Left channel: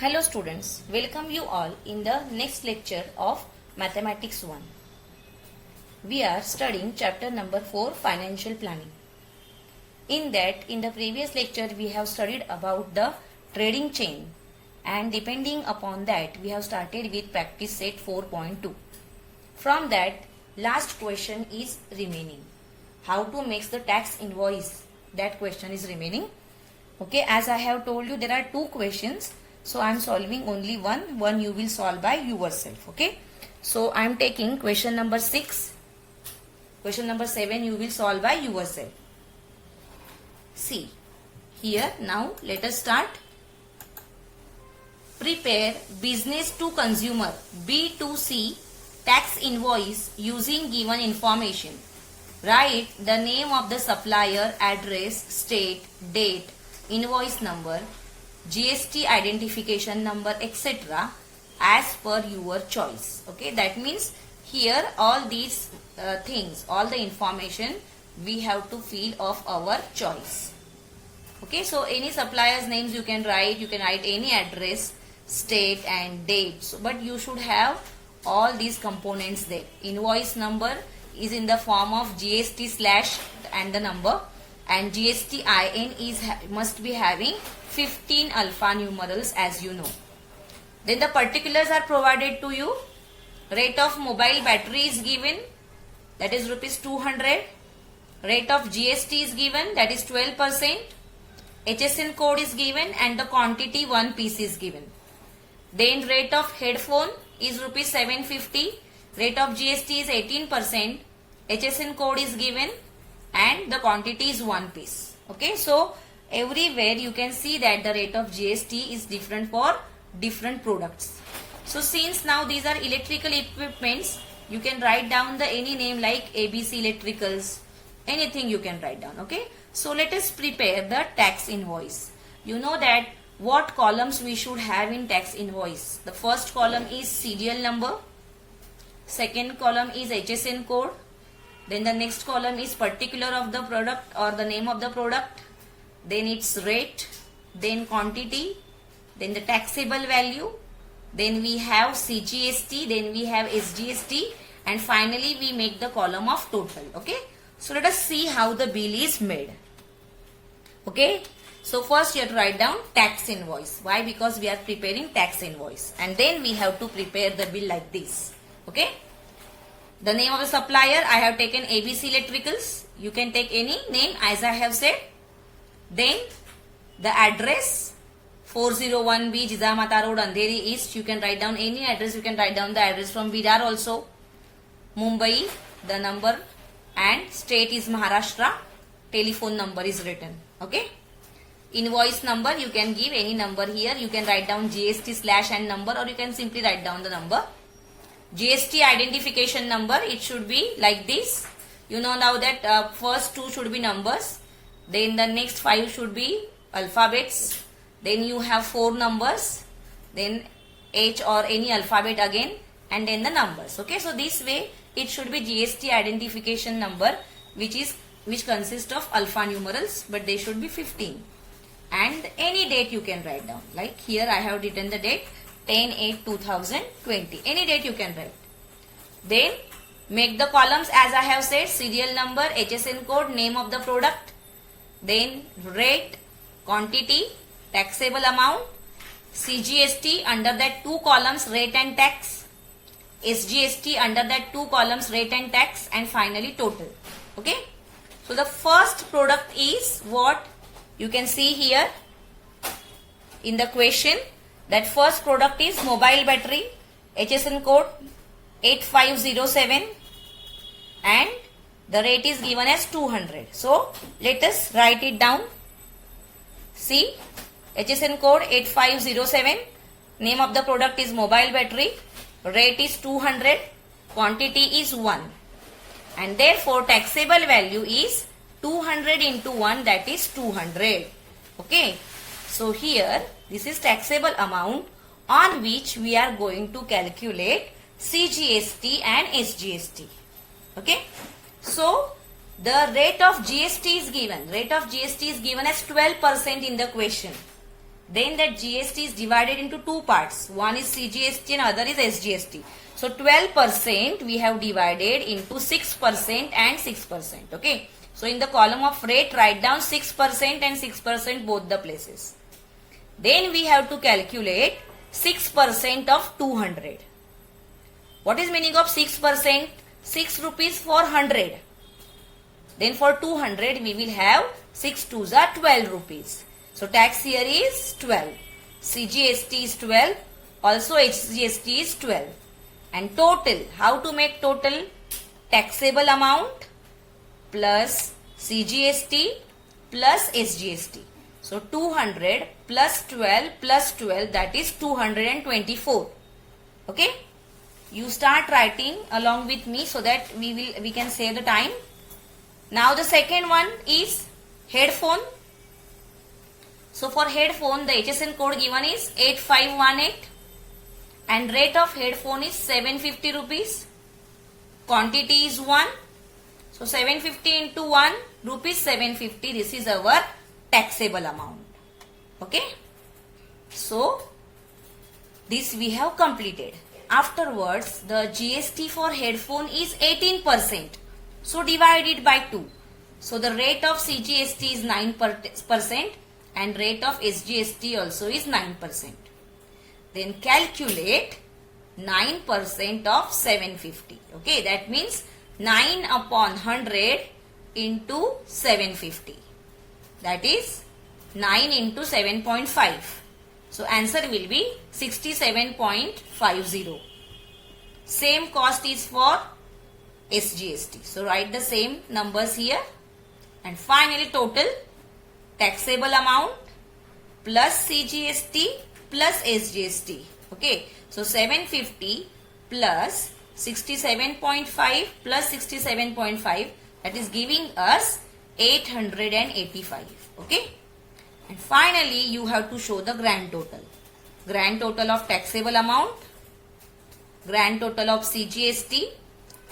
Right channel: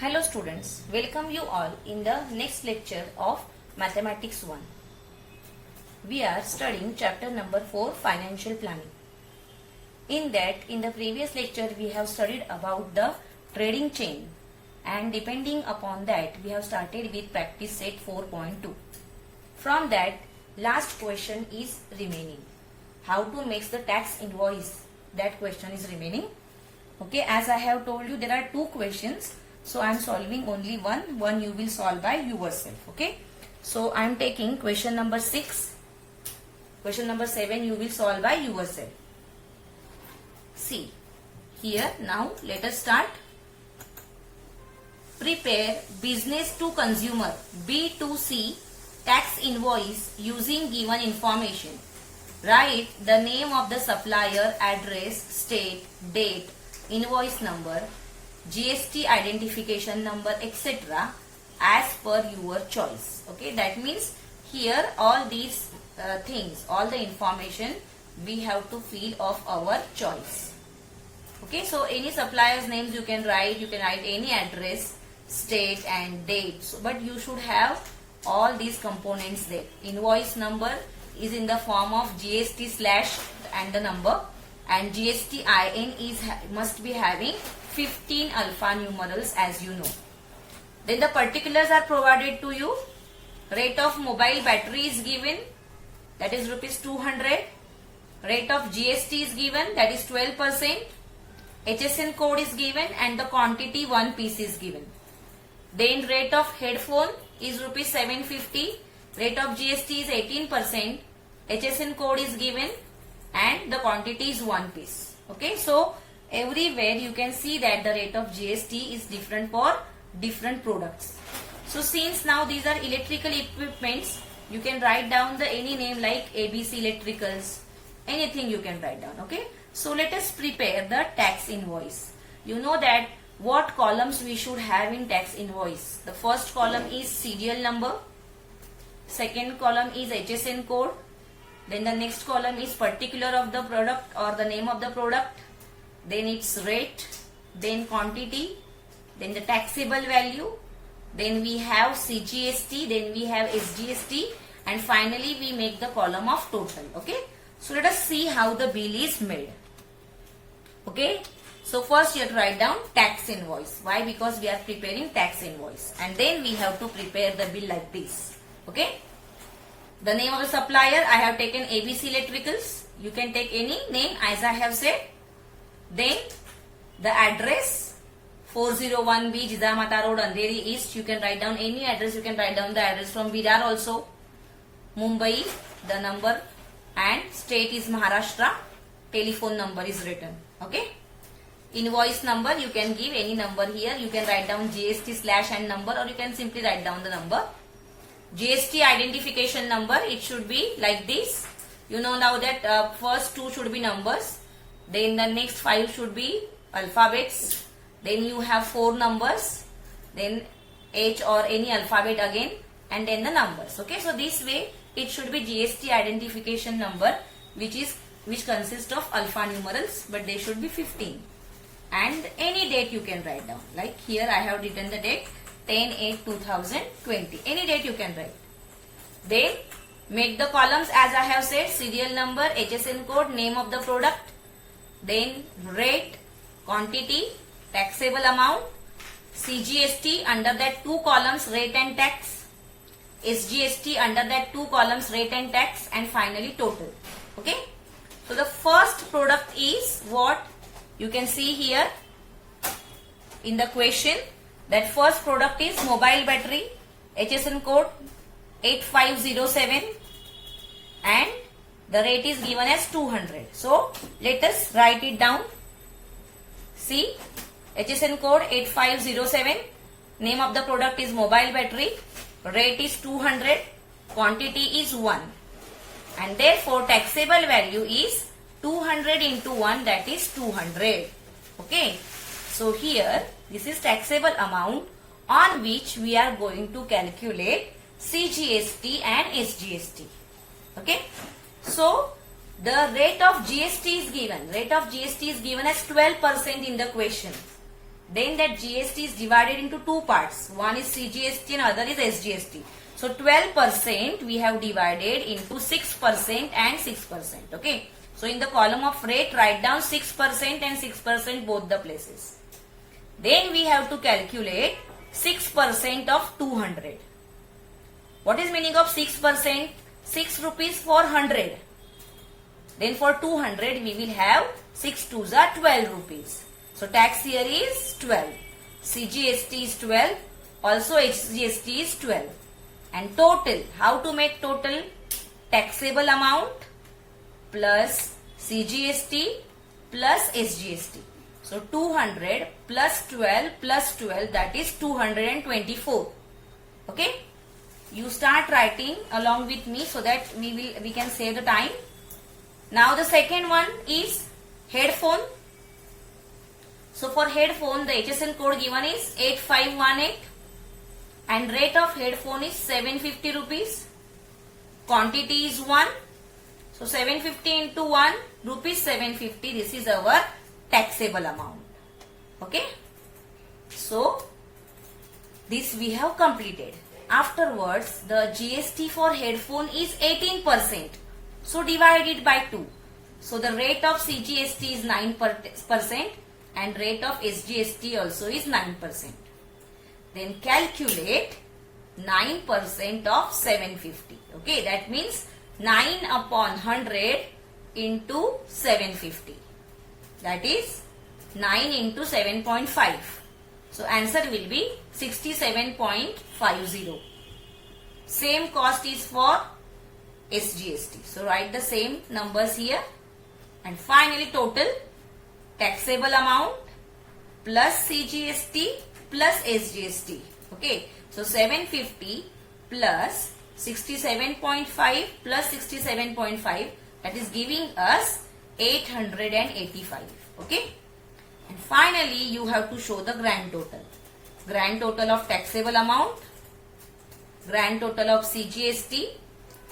Hello students, welcome you all in the next lecture of Mathematics 1. We are studying chapter number 4, Financial Planning. In the previous lecture we have studied about the trading chain, and depending upon that we have started with practice set 4.2. From that, last question is remaining. How to make the tax invoice? That question is remaining. Okay, as I have told you, there are two questions. So I am solving only one you will solve by yourself. Okay, so I am taking question number 6, question number 7 you will solve by yourself. See here, now let us start. Prepare business to consumer B2C tax invoice using given information. Write the name of the supplier, address, state, date, invoice number, GST identification number, etc. as per your choice. Okay, that means here all these things, all the information we have to fill of our choice. Okay, so any supplier's names you can write any address, state and date. So, but you should have all these components there. Invoice number is in the form of GST slash and the number, and GST IN is must be having 15 alpha numerals, as you know. Then the particulars are provided to you. Rate of mobile battery is given, that is rupees 200. Rate of GST is given, that is 12%. HSN code is given and the quantity 1 piece is given. Then rate of headphone is rupees 750. Rate of GST is 18%. HSN code is given and the quantity is 1 piece. Okay, so everywhere you can see that the rate of GST is different for different products. So since now these are electrical equipments, you can write down the any name like ABC Electricals, anything you can write down. Okay, so let us prepare the tax invoice. You know that what columns we should have in tax invoice. The first column is serial number, second column is HSN code, then the next column is particular of the product or the name of the product, then its rate, then quantity, then the taxable value, then we have CGST, then we have SGST, and finally we make the column of total. Okay, so let us see how the bill is made. Okay, so first you have to write down tax invoice. Why? Because we are preparing tax invoice, and then we have to prepare the bill like this. Okay, the name of the supplier I have taken ABC Electricals. You can take any name as I have said. Then the address 401B Jijamata Road, Andheri East. You can write down any address. You can write down the address from Virar also. Mumbai, the number, and state is Maharashtra. Telephone number is written. Okay. Invoice number you can give any number here. You can write down GST slash and number, or you can simply write down the number. GST identification number, it should be like this. You know now that first 2 should be numbers. Then the next 5 should be alphabets. Then you have 4 numbers. Then H or any alphabet again. And then the numbers. Okay, so this way it should be GST identification number, which consists of alpha numerals, but they should be 15. And any date you can write down. Like here I have written the date 10/8/2020. Any date you can write. Then make the columns as I have said: serial number, HSN code, name of the product, then rate, quantity, taxable amount, CGST, under that 2 columns rate and tax, SGST, under that 2 columns rate and tax, and finally total. Okay, so the first product is what you can see here in the question. That first product is mobile battery, HSN code 8507, and the rate is given as 200. So let us write it down. See, HSN code 8507, name of the product is mobile battery, rate is 200, quantity is 1, and therefore taxable value is 200 into 1, that is 200. Okay, so here this is taxable amount on which we are going to calculate CGST and SGST. Okay, so the rate of GST is given. Rate of GST is given as 12% in the question. Then that GST is divided into two parts. One is CGST and other is SGST. So 12% we have divided into 6% and 6%. Okay. So in the column of rate, write down 6% and 6% both the places. Then we have to calculate 6% of 200. What is meaning of 6%? 6 rupees for 100. Then for 200 we will have 6 twos are 12 rupees. So tax here is 12. CGST is 12. Also HGST is 12. And total, how to make total? Taxable amount plus CGST plus SGST. So 200 plus 12, that is 224. Okay. You start writing along with me so that we can save the time. Now the second one is headphone. So for headphone, the HSN code given is 8518 and rate of headphone is 750 rupees. Quantity is 1. So 750 into 1 rupees 750. This is our taxable amount. Okay. So this we have completed. Afterwards, the GST for headphone is 18%. So divide it by 2. So the rate of CGST is 9% and rate of SGST also is 9%. Then calculate 9% of 750. Okay, that means 9 upon 100 into 750. That is 9 into 7.5. So answer will be 67.50. Same cost is for SGST. So write the same numbers here. And finally total taxable amount plus CGST plus SGST. Okay. So 750 plus 67.5 plus 67.5, that is giving us 885. Okay. And finally, you have to show the grand total. Grand total of taxable amount, grand total of CGST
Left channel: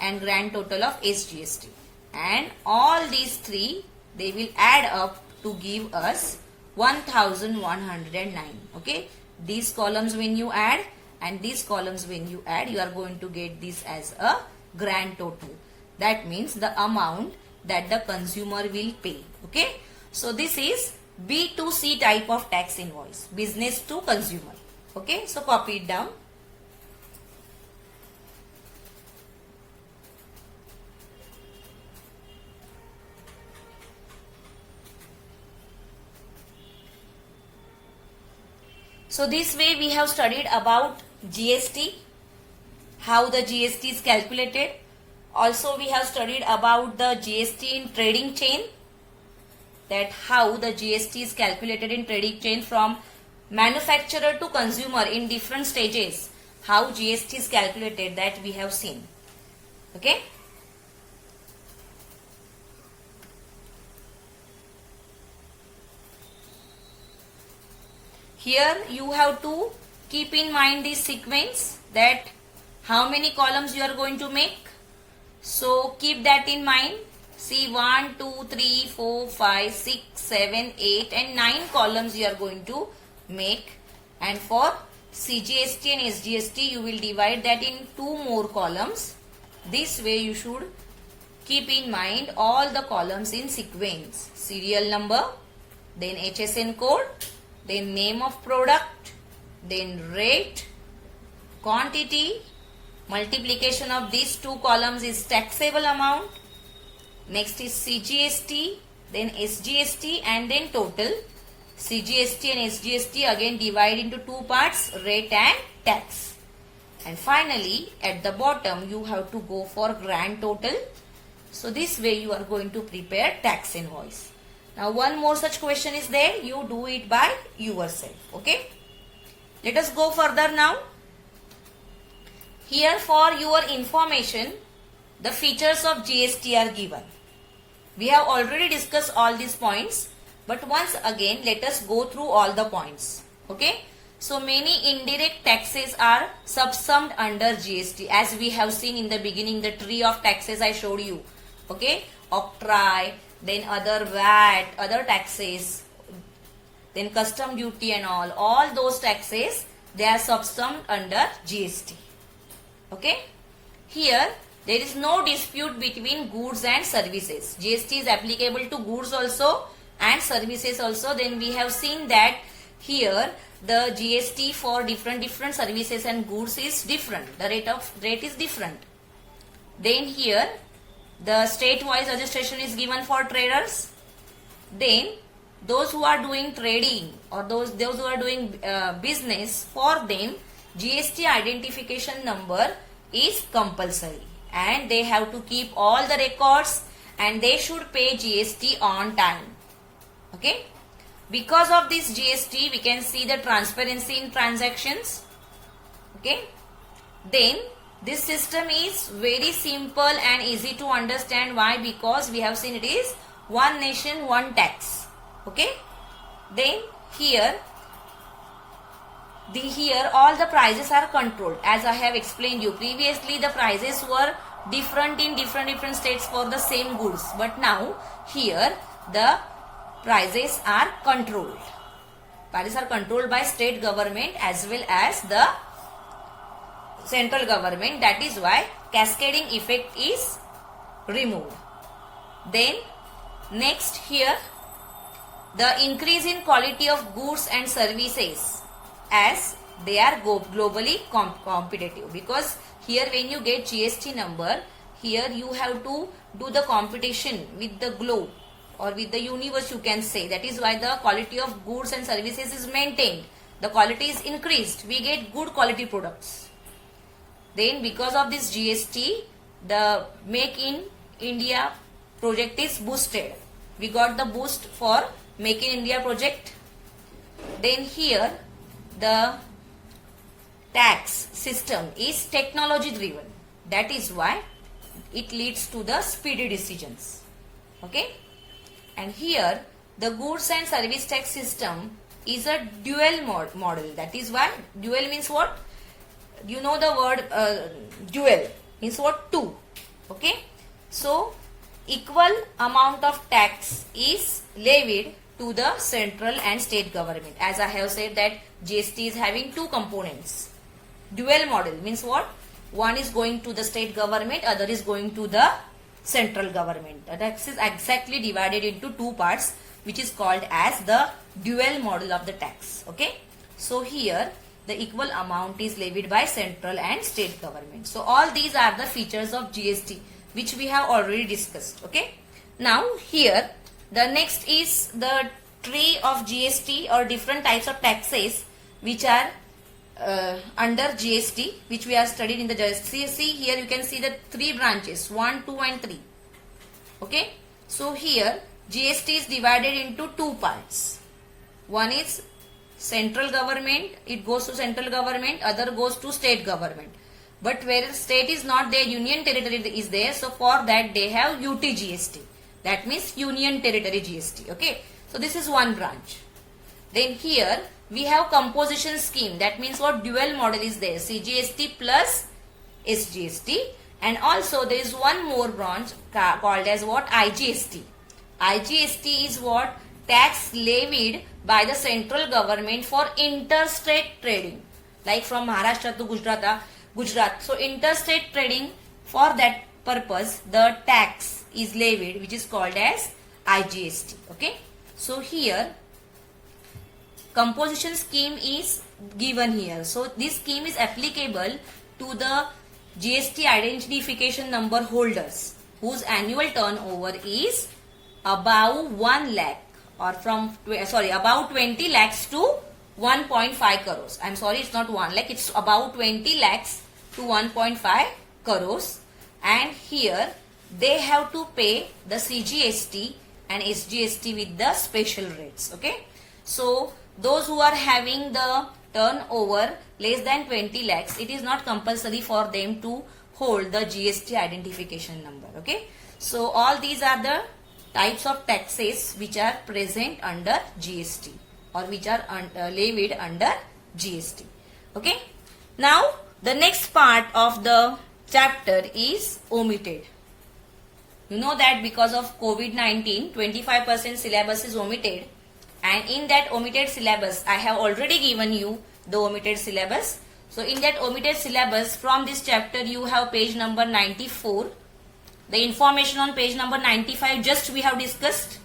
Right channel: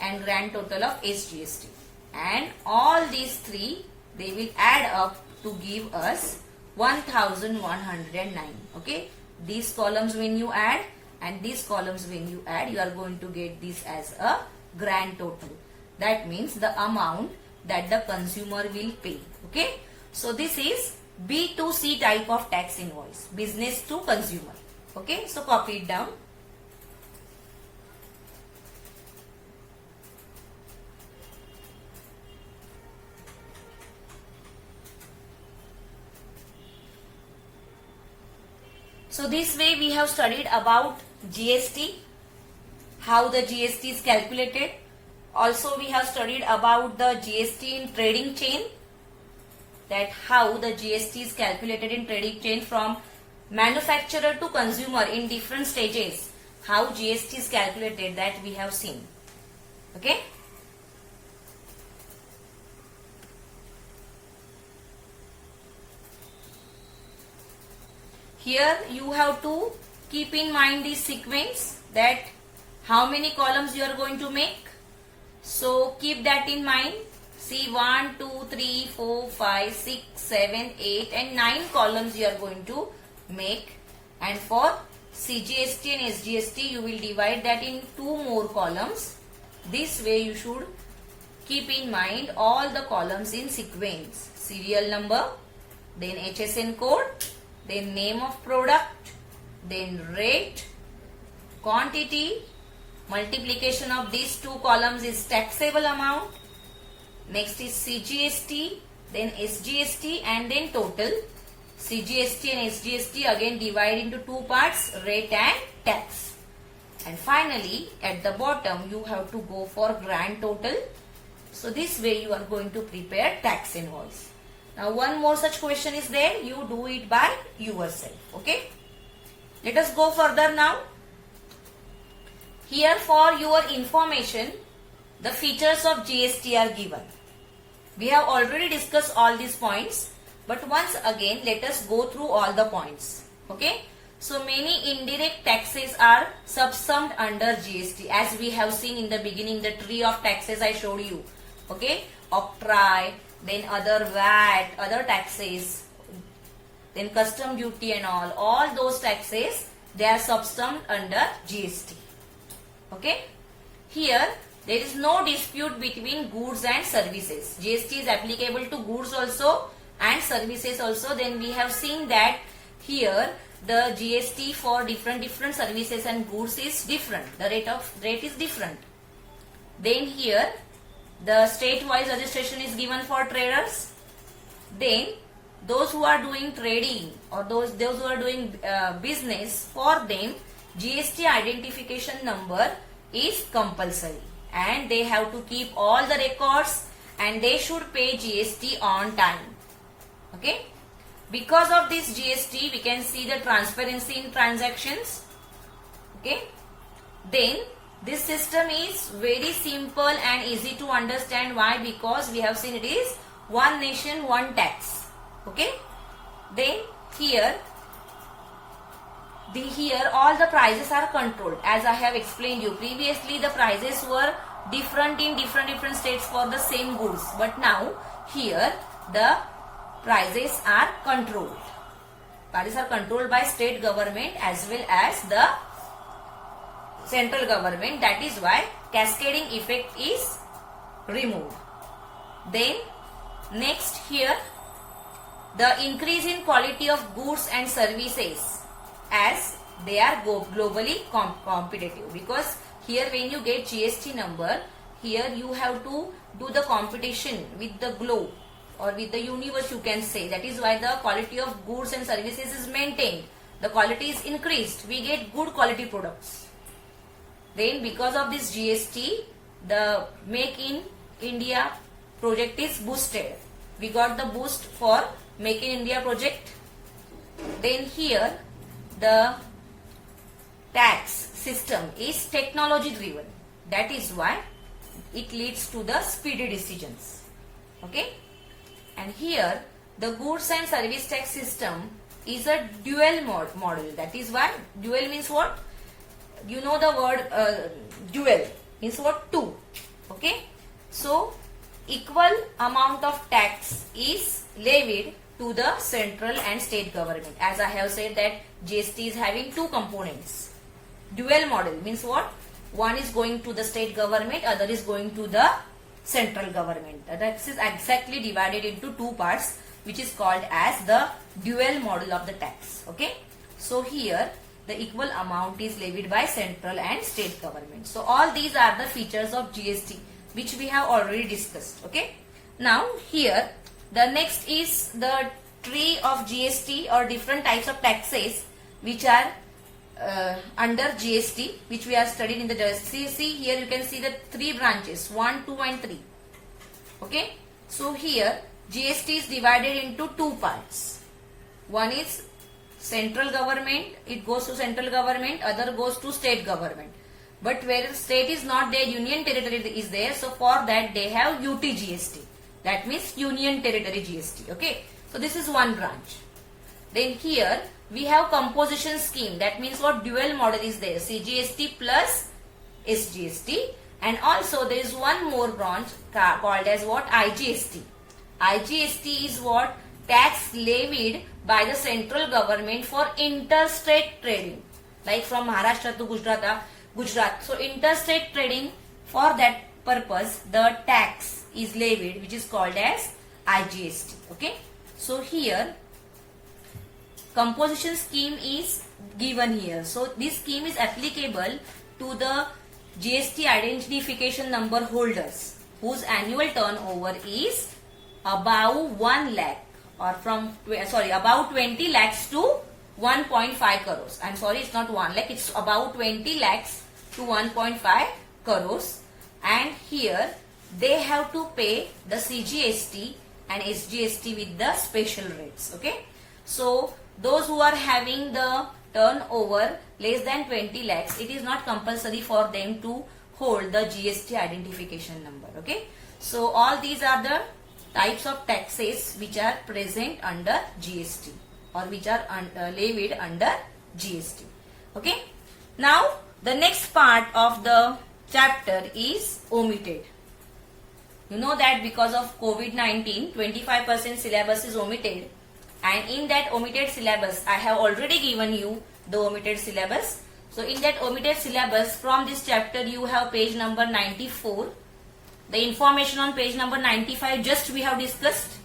and grand total of SGST. And all these three, they will add up to give us 1109. Okay. These columns when you add and these columns when you add, you are going to get this as a grand total. That means the amount that the consumer will pay. Okay. So this is B2C type of tax invoice, business to consumer. Okay, so copy it down. So this way we have studied about GST, how the GST is calculated. Also we have studied about the GST in trading chain, that how the GST is calculated in trading chain from manufacturer to consumer in different stages. How GST is calculated, that we have seen. Okay. Here you have to keep in mind this sequence, that how many columns you are going to make. So keep that in mind. See 1, 2, 3, 4, 5, 6, 7, 8 and 9 columns you are going to make. And for CGST and SGST you will divide that in 2 more columns. This way you should keep in mind all the columns in sequence. Serial number, then HSN code, then name of product, then rate, quantity, multiplication of these 2 columns is taxable amount. Next is CGST, then SGST and then total. CGST and SGST again divide into 2 parts, rate and tax. And finally at the bottom you have to go for grand total. So this way you are going to prepare tax invoice. Now one more such question is there, you do it by yourself. Okay. Let us go further now. Here for your information, the features of GST are given. We have already discussed all these points, but once again let us go through all the points. Okay. So many indirect taxes are subsumed under GST, as we have seen in the beginning, the tree of taxes I showed you. Okay. Octroi, then other VAT, other taxes. then custom duty and all those taxes, they are subsumed under GST. Okay. Here, there is no dispute between goods and services. GST is applicable to goods also and services also. Then we have seen that here the GST for different services and goods is different. The rate is different. Then here the state-wise registration is given for traders. Then those who are doing trading or those who are doing business, for them GST identification number is compulsory and they have to keep all the records and they should pay GST on time. Okay. Because of this GST, we can see the transparency in transactions. Okay. Then this system is very simple and easy to understand. Why? Because we have seen it is one nation, one tax. Okay. Then here all the prices are controlled. As I have explained you previously, the prices were different in different states for the same goods. But now here the prices are controlled. Prices are controlled by state government as well as the central government. That is why cascading effect is removed. Then next here, the increase in quality of goods and services as they are globally competitive. Because here when you get GST number, here you have to do the competition with the globe or with the universe, you can say. That is why the quality of goods and services is maintained. The quality is increased. We get good quality products. Then because of this GST, the Make in India project is boosted. We got the boost for Make in India project. Then here the tax system is technology driven. That is why it leads to the speedy decisions. Okay. And here the goods and service tax system is a dual model. That is why dual means what? You know the word dual means what? Two. Okay. So equal amount of tax is levied to the central and state government. As I have said that GST is having two components. Dual model means what? One is going to the state government, other is going to the central government. That is exactly divided into two parts, which is called as the dual model of the tax. Okay. So here the equal amount is levied by central and state government. So all these are the features of GST which we have already discussed. Okay. Now here the next is the tree of GST or different types of taxes which are under GST, which we are studied in the GST. Here you can see the three branches, 1, 2 and 3. Okay. So here GST is divided into two parts. One is central government, it goes to central government, other goes to state government. But where state is not there, union territory is there. So for that they have UT GST. That means union territory GST. Okay. So this is one branch. Then here we have composition scheme. That means what? Dual model is there. CGST plus SGST. And also there is one more branch called as what? IGST. IGST is what? Tax levied by the central government for interstate trading. Like from Maharashtra to Gujarat. So interstate trading, for that purpose the tax is levied, which is called as IGST. Okay. So here composition scheme is given here. So this scheme is applicable to the GST identification number holders whose annual turnover is above 1 lakh or about 20 lakhs to 1.5 crores. I'm sorry, it's not 1 lakh, it's about 20 lakhs to 1.5 crores. And here they have to pay the CGST and SGST with the special rates. Okay. So those who are having the turnover less than 20 lakhs, it is not compulsory for them to hold the GST identification number. Okay. So all these are the types of taxes which are present under GST or which are levied under GST. Okay. Now the next part of the chapter is omitted. You know that because of COVID-19, 25% syllabus is omitted. And in that omitted syllabus, I have already given you the omitted syllabus. So in that omitted syllabus, from this chapter you have page number 94. The information on page number 95 just we have discussed.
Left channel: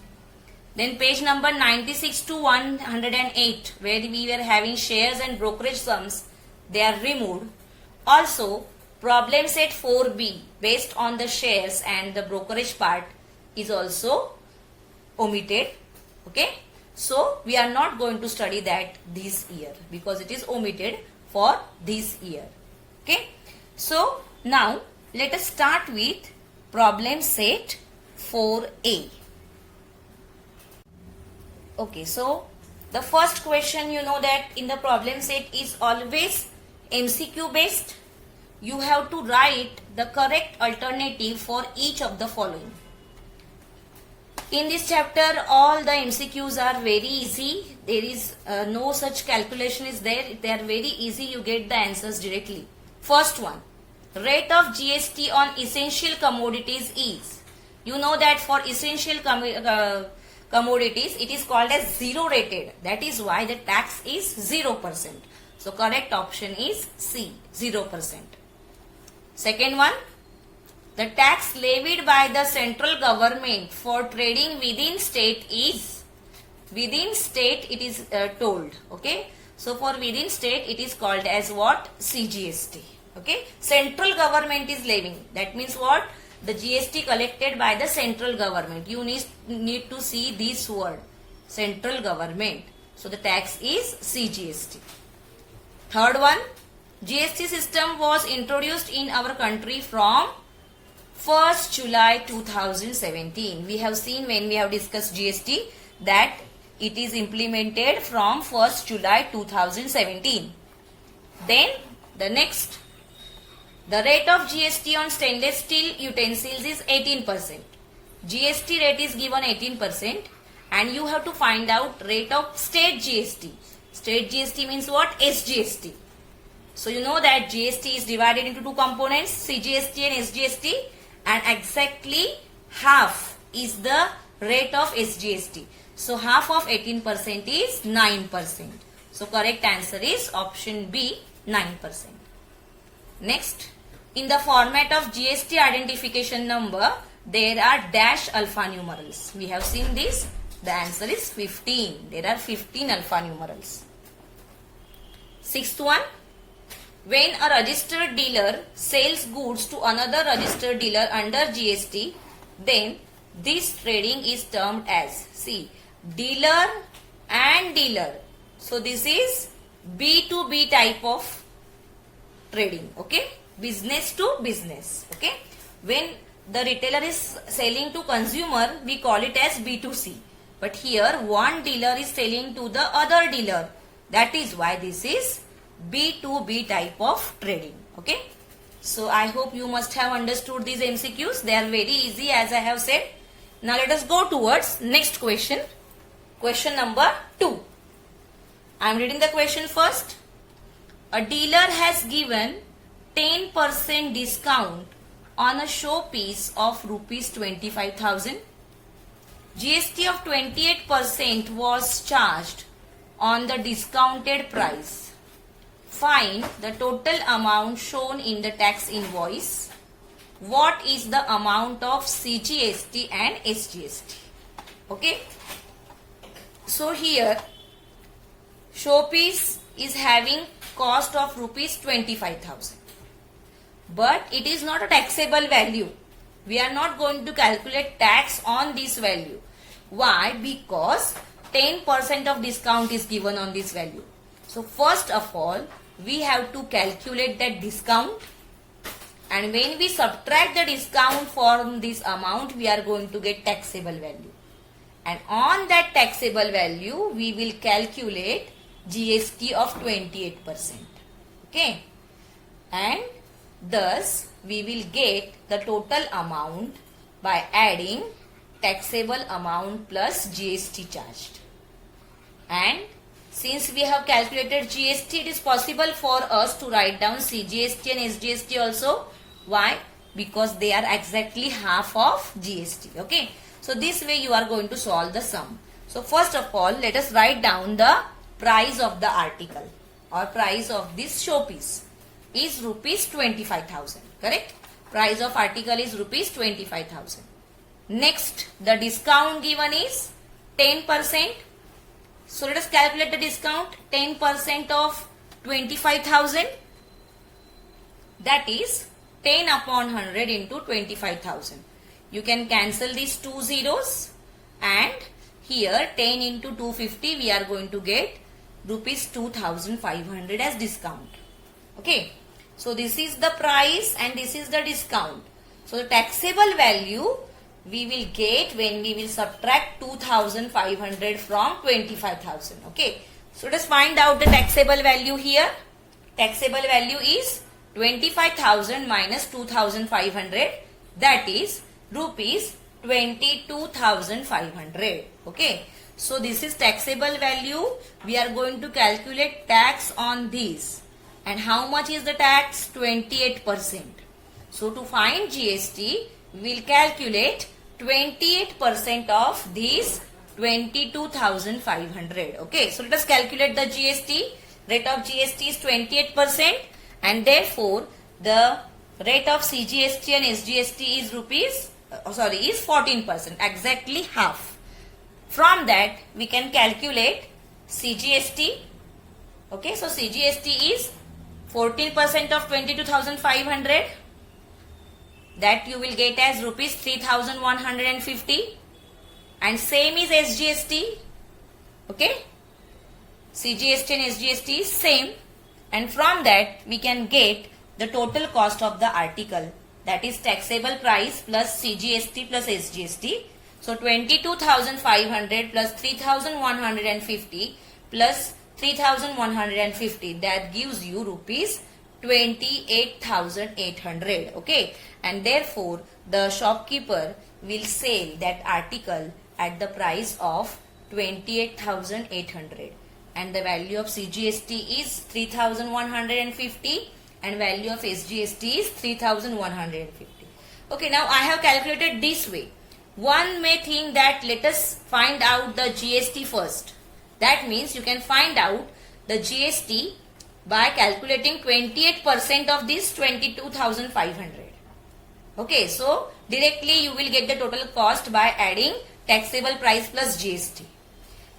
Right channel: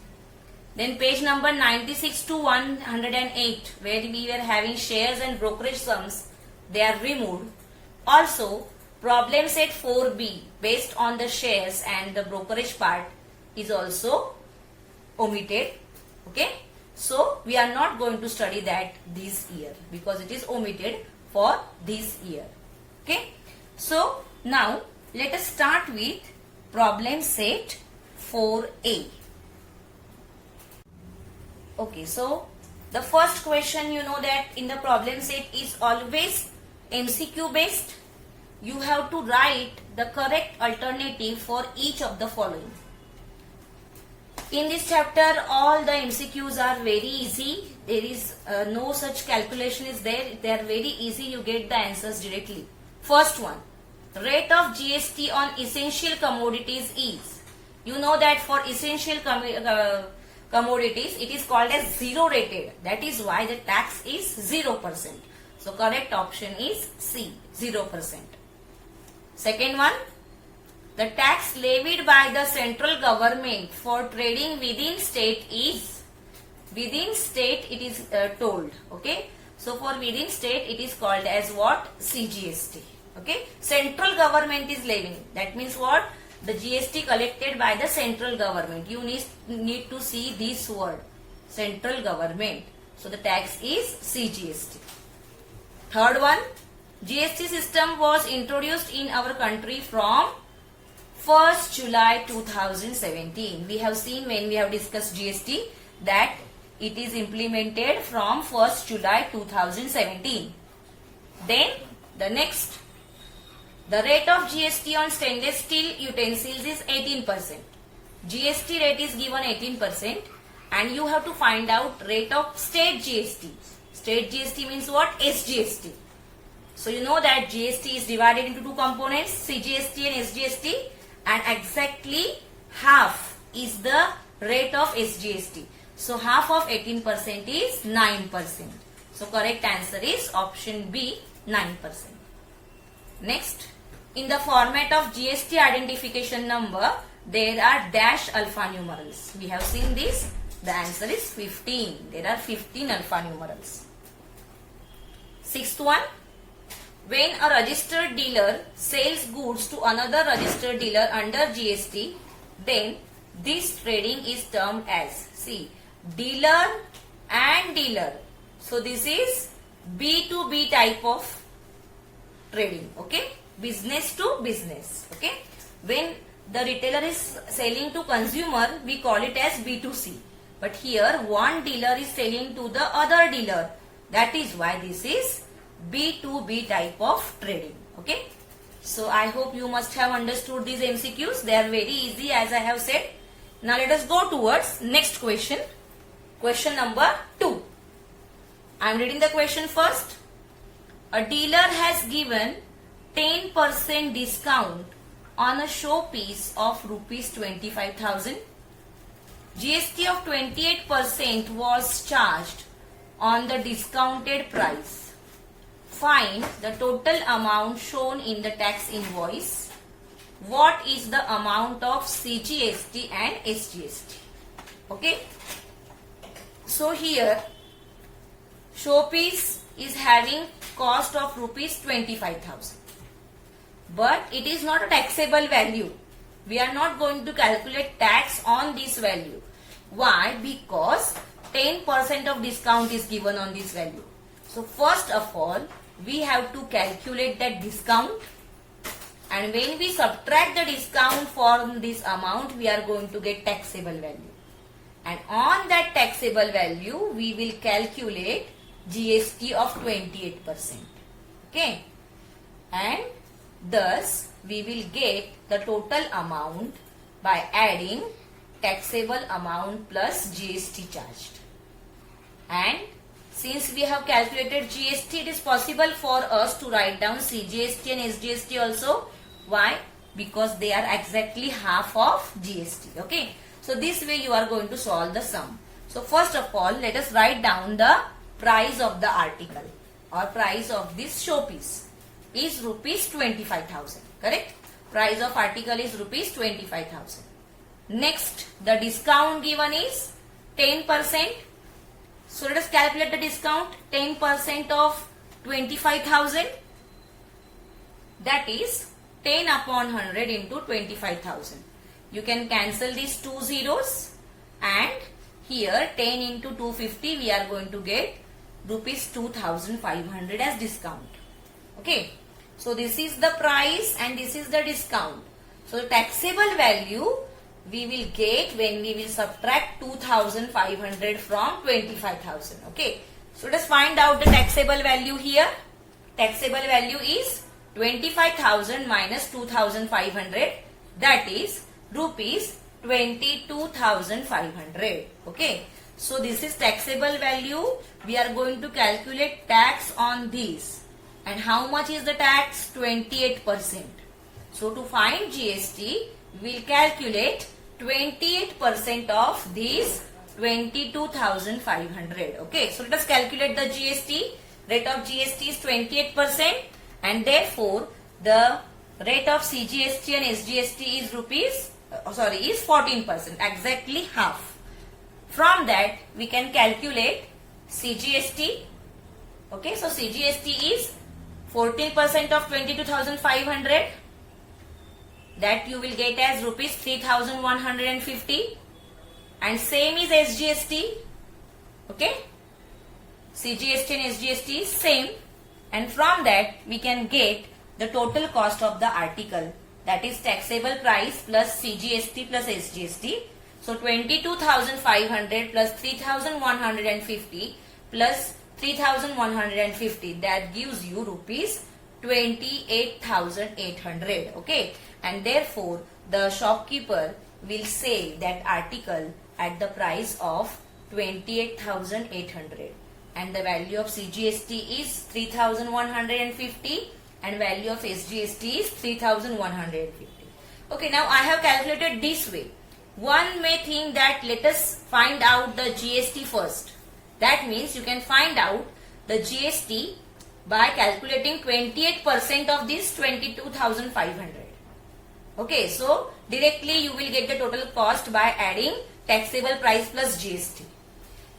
Then page number 96 to 108, where we were having shares and brokerage sums, they are removed. Also, problem set 4b based on the shares and the brokerage part is also omitted. Okay. So, we are not going to study that this year because it is omitted for this year. Okay. So, now let us start with problem set 4a. Okay, so the first question, you know that in the problem set is always MCQ based. You have to write the correct alternative for each of the following. In this chapter, all the MCQs are very easy. There is no such calculation is there. They are very easy. You get the answers directly. First one, rate of GST on essential commodities is. You know that for essential commodities, it is called as zero rated. That is why the tax is 0%. So correct option is C, 0%. Second one, the tax levied by the central government for trading within state is, within state it is told. Okay. So for within state it is called as what? CGST. Okay. Central government is levying. That means what? The GST collected by the central government. You need to see this word, central government. So the tax is CGST. Third one, GST system was introduced in our country from 1st July 2017. We have seen when we have discussed GST that it is implemented from 1st July 2017. Then the next, the rate of GST on stainless steel utensils is 18%. GST rate is given 18% and you have to find out rate of state GST. State GST means what? SGST. So you know that GST is divided into two components, CGST and SGST, and exactly half is the rate of SGST. So half of 18% is 9%. So correct answer is option B, 9%. Next, in the format of GST identification number, there are dash alphanumerals. We have seen this. The answer is 15. There are 15 alphanumerals. Sixth one, when a registered dealer sells goods to another registered dealer under GST, then this trading is termed as, see, dealer and dealer. So this is B2B type of trading. Okay. Business to business. Okay. When the retailer is selling to consumer, we call it as B2C. But here one dealer is selling to the other dealer. That is why this is B2B type of trading. Okay. So I hope you must have understood these MCQs. They are very easy as I have said. Now let us go towards next question. Question number 2. I am reading the question first. A dealer has given 10% discount on a showpiece of rupees 25,000. GST of 28% was charged on the discounted price. Find the total amount shown in the tax invoice. What is the amount of CGST and SGST? Okay. So here showpiece is having cost of rupees 25,000. But it is not a taxable value. We are not going to calculate tax on this value. Why? Because 10% of discount is given on this value. So first of all, we have to calculate that discount. And when we subtract the discount from this amount, we are going to get taxable value. And on that taxable value, we will calculate GST of 28%. Okay. And thus, we will get the total amount by adding taxable amount plus GST charged. And since we have calculated GST, it is possible for us to write down CGST and SGST also. Why? Because they are exactly half of GST. Okay. So this way you are going to solve the sum. So first of all, let us write down the price of the article or price of this showpiece is rupees 25,000. Correct? Price of article is rupees 25,000. Next, the discount given is 10%. So let us calculate the discount. 10% of 25,000. That is 10 upon 100 into 25,000. You can cancel these two zeros, and here 10 into 250 we are going to get rupees 2,500 as discount. Okay. So this is the price and this is the discount. So the taxable value we will get when we will subtract 2,500 from 25,000. Okay. So let us find out the taxable value here. Taxable value is 25,000 minus 2,500, that is rupees 22,500. Okay. So this is taxable value. We are going to calculate tax on these. And how much is the tax? 28%. So to find GST, we will calculate 28% of these 22,500. Okay. So let us calculate the GST. Rate of GST is 28%, and therefore the rate of CGST and SGST is is 14%, exactly half. From that we can calculate CGST. Okay, so CGST is 14% of 22,500. That you will get as rupees 3,150, and same is SGST. Okay, CGST and SGST is same, and from that we can get the total cost of the article, that is taxable price plus CGST plus SGST. So 22,500 plus 3,150 plus 3,150, that gives you rupees 28,800. Okay, and therefore the shopkeeper will sell that article at the price of 28,800, and the value of CGST is 3,150 and value of SGST is 3,150. Okay, now I have calculated this way. One may think that let us find out the GST first. That means you can find out the GST by calculating 28% of this 22,500. Okay, so directly you will get the total cost by adding taxable price plus GST.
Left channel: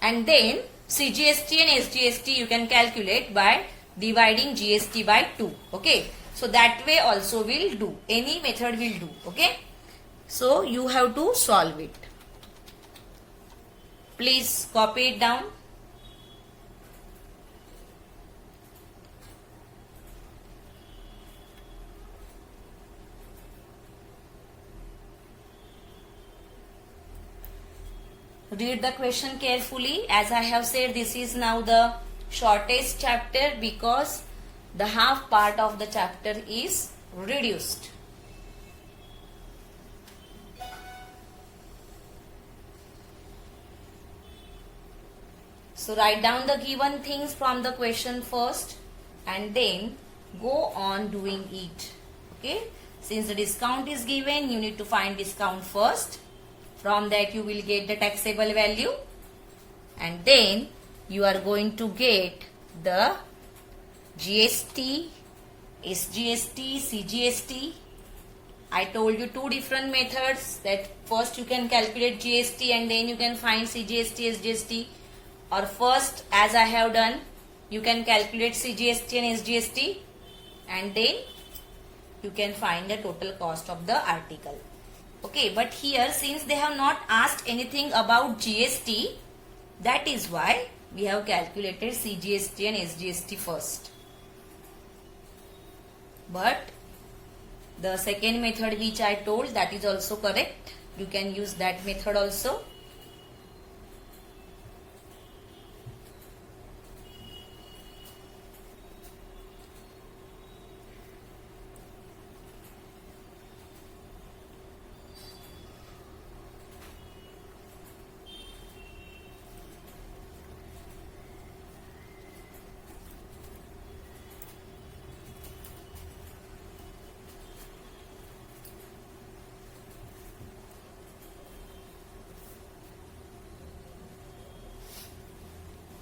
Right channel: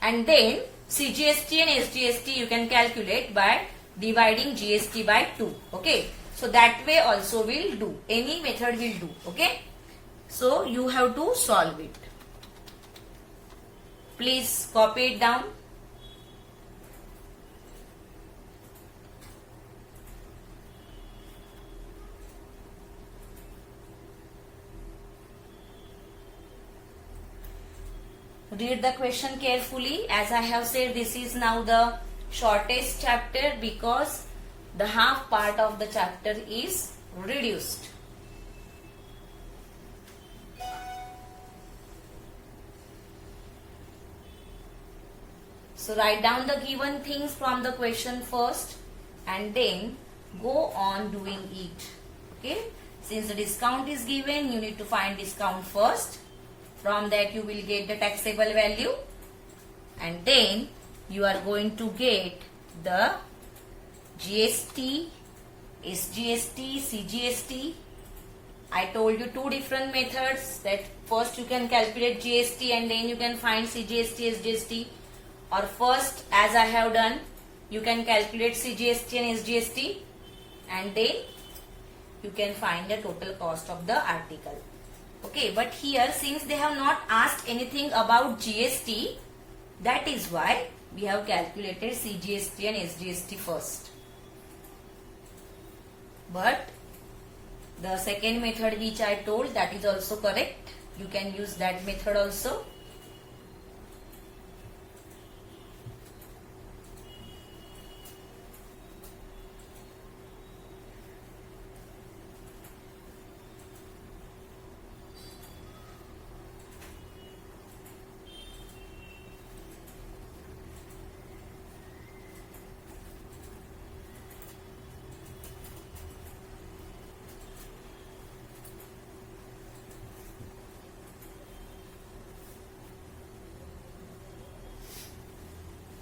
And then CGST and SGST you can calculate by dividing GST by 2. Okay, so that way also will do. Any method will do. Okay, so you have to solve it. Please copy it down. Read the question carefully. As I have said, this is now the shortest chapter because the half part of the chapter is reduced. So write down the given things from the question first and then go on doing it. Okay. Since the discount is given, you need to find discount first. From that you will get the taxable value, and then you are going to get the GST, SGST, CGST. I told you two different methods, that first you can calculate GST and then you can find CGST, SGST, or first as I have done you can calculate CGST and SGST and then you can find the total cost of the article. Okay, but here since they have not asked anything about GST, that is why we have calculated CGST and SGST first. But the second method which I told, that is also correct. You can use that method also.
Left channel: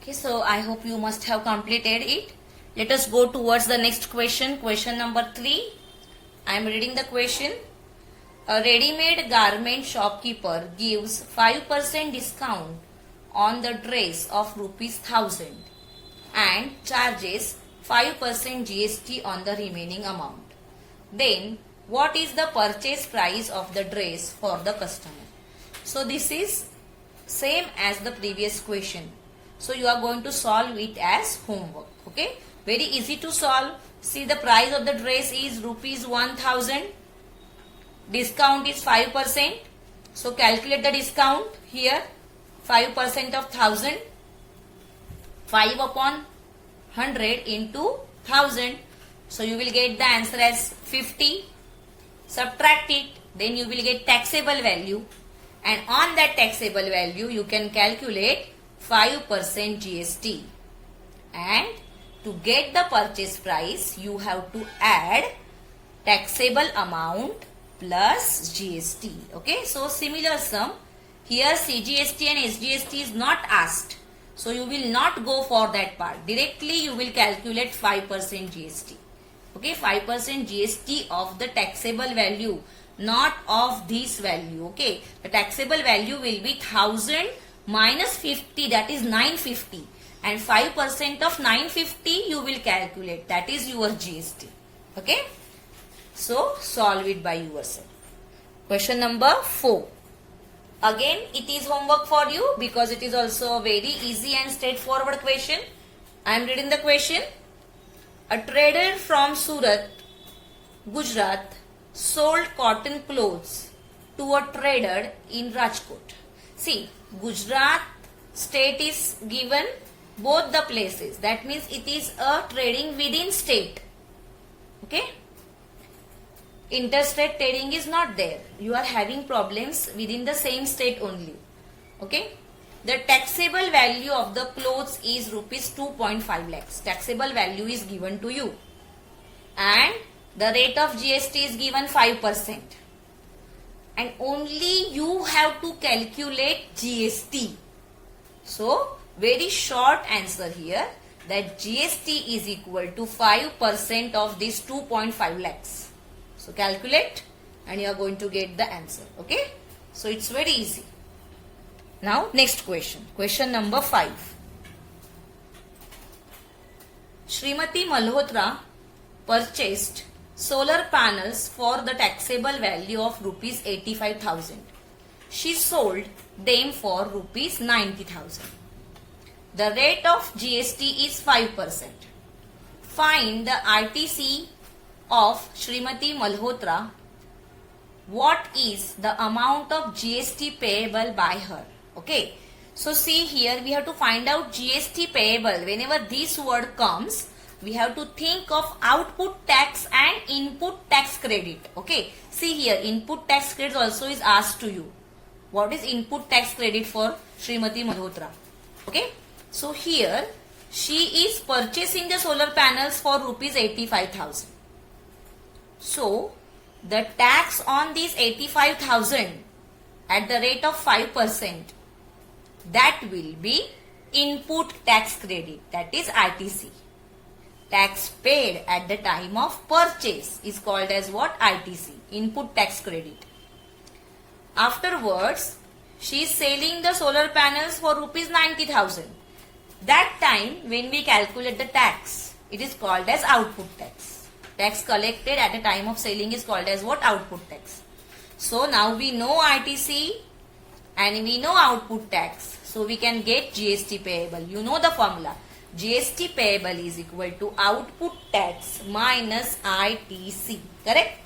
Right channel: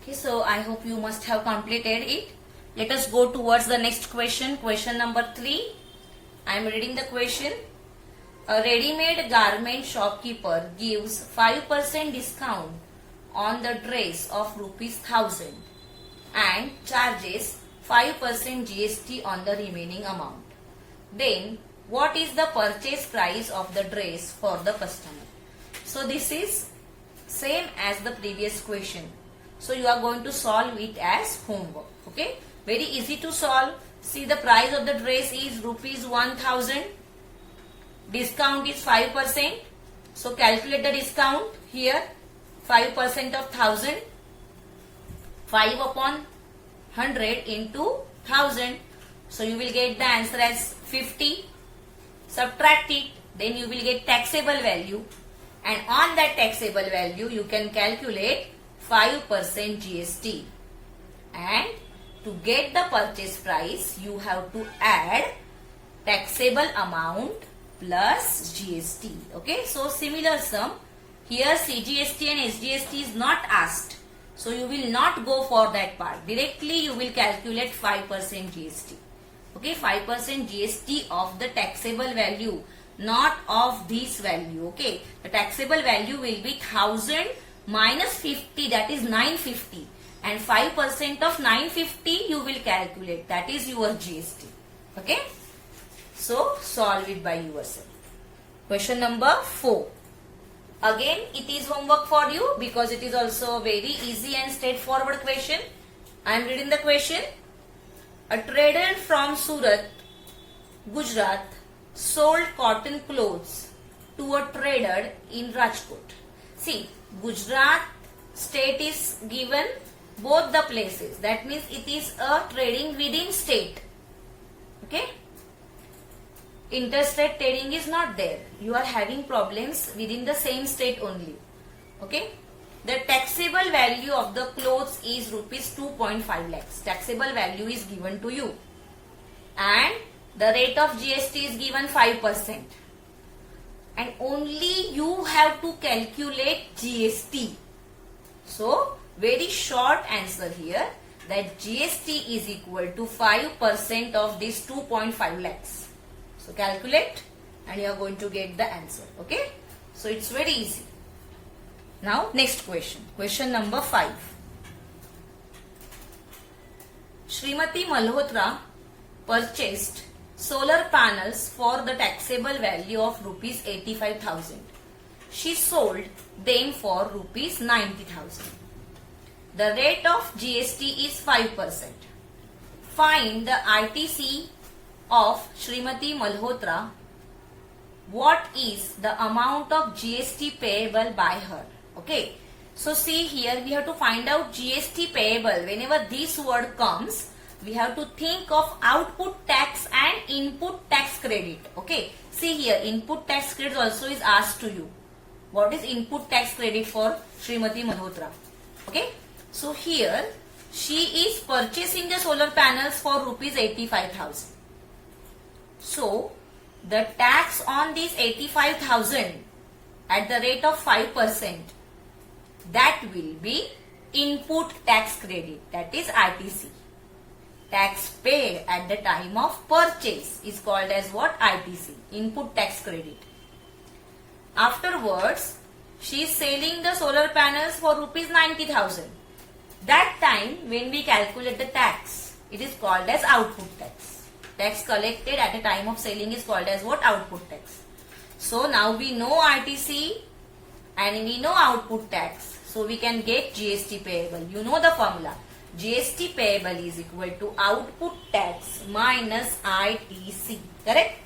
Okay, so I hope you must have completed it. Let us go towards the next question. Question number 3. I am reading the question. A ready-made garment shopkeeper gives 5% discount on the dress of rupees 1000 and charges 5% GST on the remaining amount. Then what is the purchase price of the dress for the customer? So this is same as the previous question. So you are going to solve it as homework. Okay, very easy to solve. See, the price of the dress is rupees 1000. Discount is 5%. So calculate the discount here. 5% of 1000. 5 upon 100 into 1000. So you will get the answer as 50. Subtract it. Then you will get taxable value. And on that taxable value, you can calculate 5% GST. And to get the purchase price, you have to add taxable amount plus GST. Okay, so similar sum. Here CGST and SGST is not asked. So you will not go for that part. Directly you will calculate 5% GST. Okay, 5% GST of the taxable value, not of this value. Okay, the taxable value will be 1000 minus 50, that is 950. And 5% of 950 you will calculate, that is your GST. Okay, so solve it by yourself. Question number 4. Again, it is homework for you because it is also a very easy and straightforward question. I am reading the question. A trader from Surat, Gujarat, sold cotton clothes to a trader in Rajkot. See, Gujarat state is given both the places. That means it is a trading within state. Okay. Interstate trading is not there. You are having problems within the same state only. Okay. The taxable value of the clothes is rupees 2.5 lakhs. Taxable value is given to you. And the rate of GST is given 5%. And only you have to calculate GST. So, very short answer here, that GST is equal to 5% of this 2.5 lakhs. So calculate and you are going to get the answer. Okay. So it's very easy. Now next question. Question number 5. Srimati Malhotra purchased solar panels for the taxable value of rupees 85,000. She sold them for rupees 90,000. The rate of GST is 5%. Find the RTC of Srimati Malhotra. What is the amount of GST payable by her? Okay. So see here, we have to find out GST payable. Whenever this word comes, we have to think of output tax and input tax credit. Okay. See here, input tax credit also is asked to you. What is input tax credit for Srimati Malhotra? Okay. So here, she is purchasing the solar panels for rupees 85,000. So, the tax on these 85,000 at the rate of 5%, that will be input tax credit, that is ITC. Tax paid at the time of purchase is called as what? ITC, input tax credit. Afterwards, she is selling the solar panels for rupees 90,000. That time when we calculate the tax, it is called as output tax. Tax collected at the time of selling is called as what? Output tax. So now we know ITC and we know output tax. So we can get GST payable. You know the formula. GST payable is equal to output tax minus ITC. Correct?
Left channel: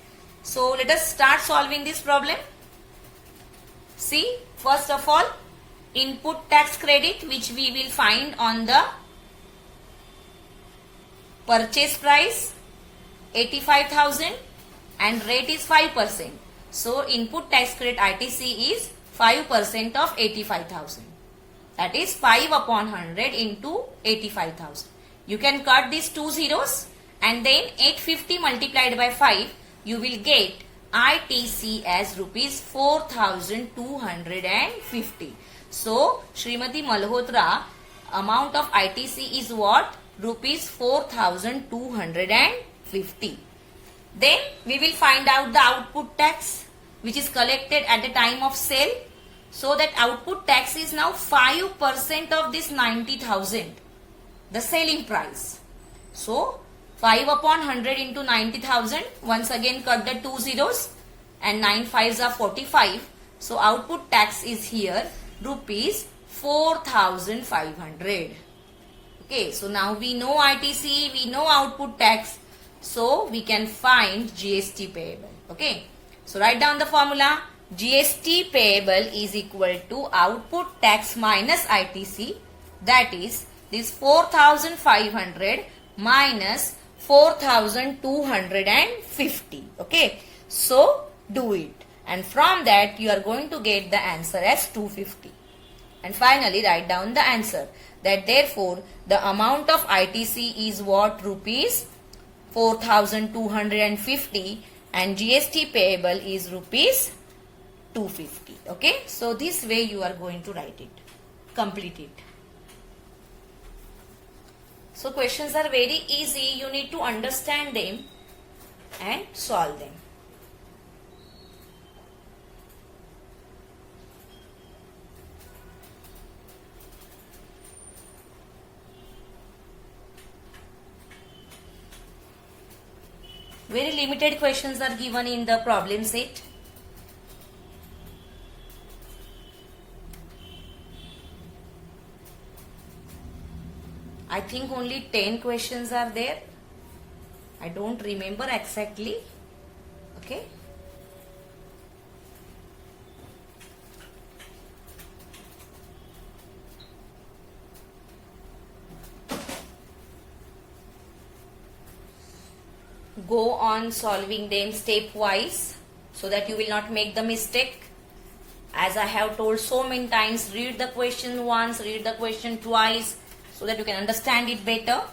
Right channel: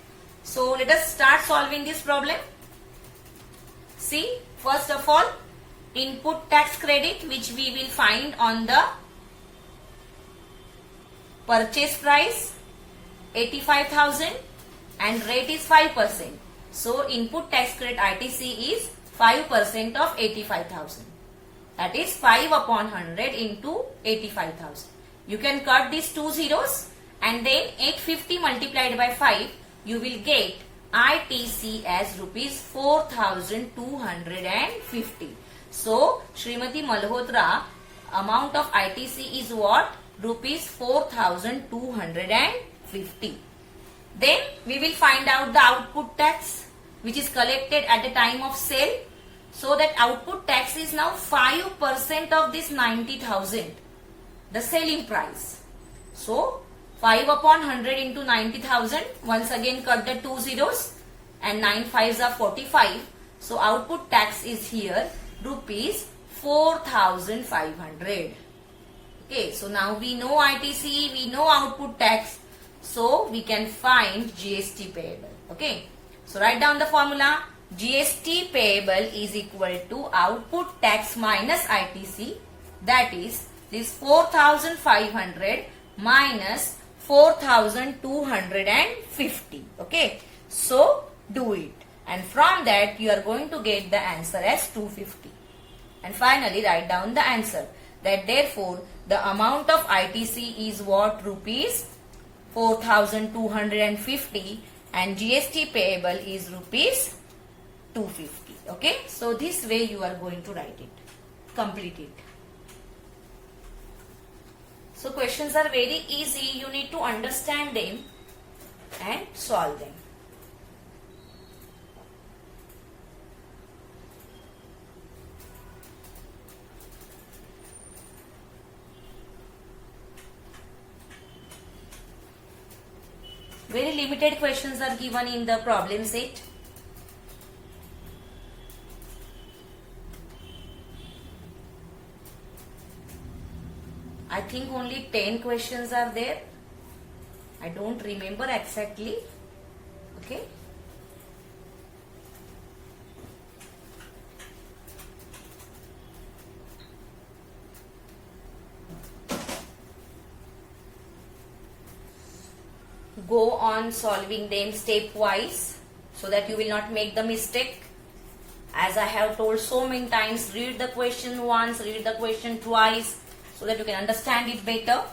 So let us start solving this problem. See, first of all, input tax credit which we will find on the purchase price 85,000 and rate is 5%. So input tax credit ITC is 5% of 85,000. That is 5 upon 100 into 85,000. You can cut these two zeros and then 850 multiplied by 5, you will get ITC as rupees 4,250. So Srimati Malhotra amount of ITC is what? Rupees 4,250. Then we will find out the output tax which is collected at the time of sale. So that output tax is now 5% of this 90,000, the selling price. So 5 upon 100 into 90,000, once again cut the 2 zeros and 9 5s are 45. So output tax is here rupees 4,500. Okay, so now we know ITC, we know output tax, so we can find GST payable. Okay, so write down the formula. GST payable is equal to output tax minus ITC, that is this 4,500 minus 4,250. Okay, so do it, and from that you are going to get the answer as 250. And finally write down the answer, that therefore the amount of ITC is what? Rupees 4,250 and GST payable is rupees 250. Okay, so this way you are going to write it, complete it. So questions are very easy, you need to understand them and solve them. Very limited questions are given in the problem set. I think only 10 questions are there. I don't remember exactly. Okay. Go on solving them stepwise so that you will not make the mistake. As I have told so many times, read the question once, read the question twice, so that you can understand it better.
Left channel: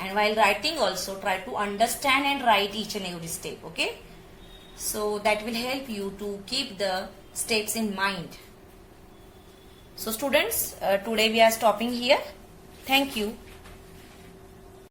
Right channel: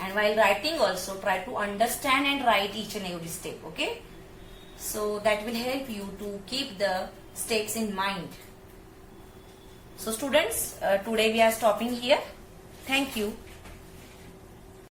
And while writing also, try to understand and write each and every step. Okay, so that will help you to keep the steps in mind. So students, today we are stopping here. Thank you.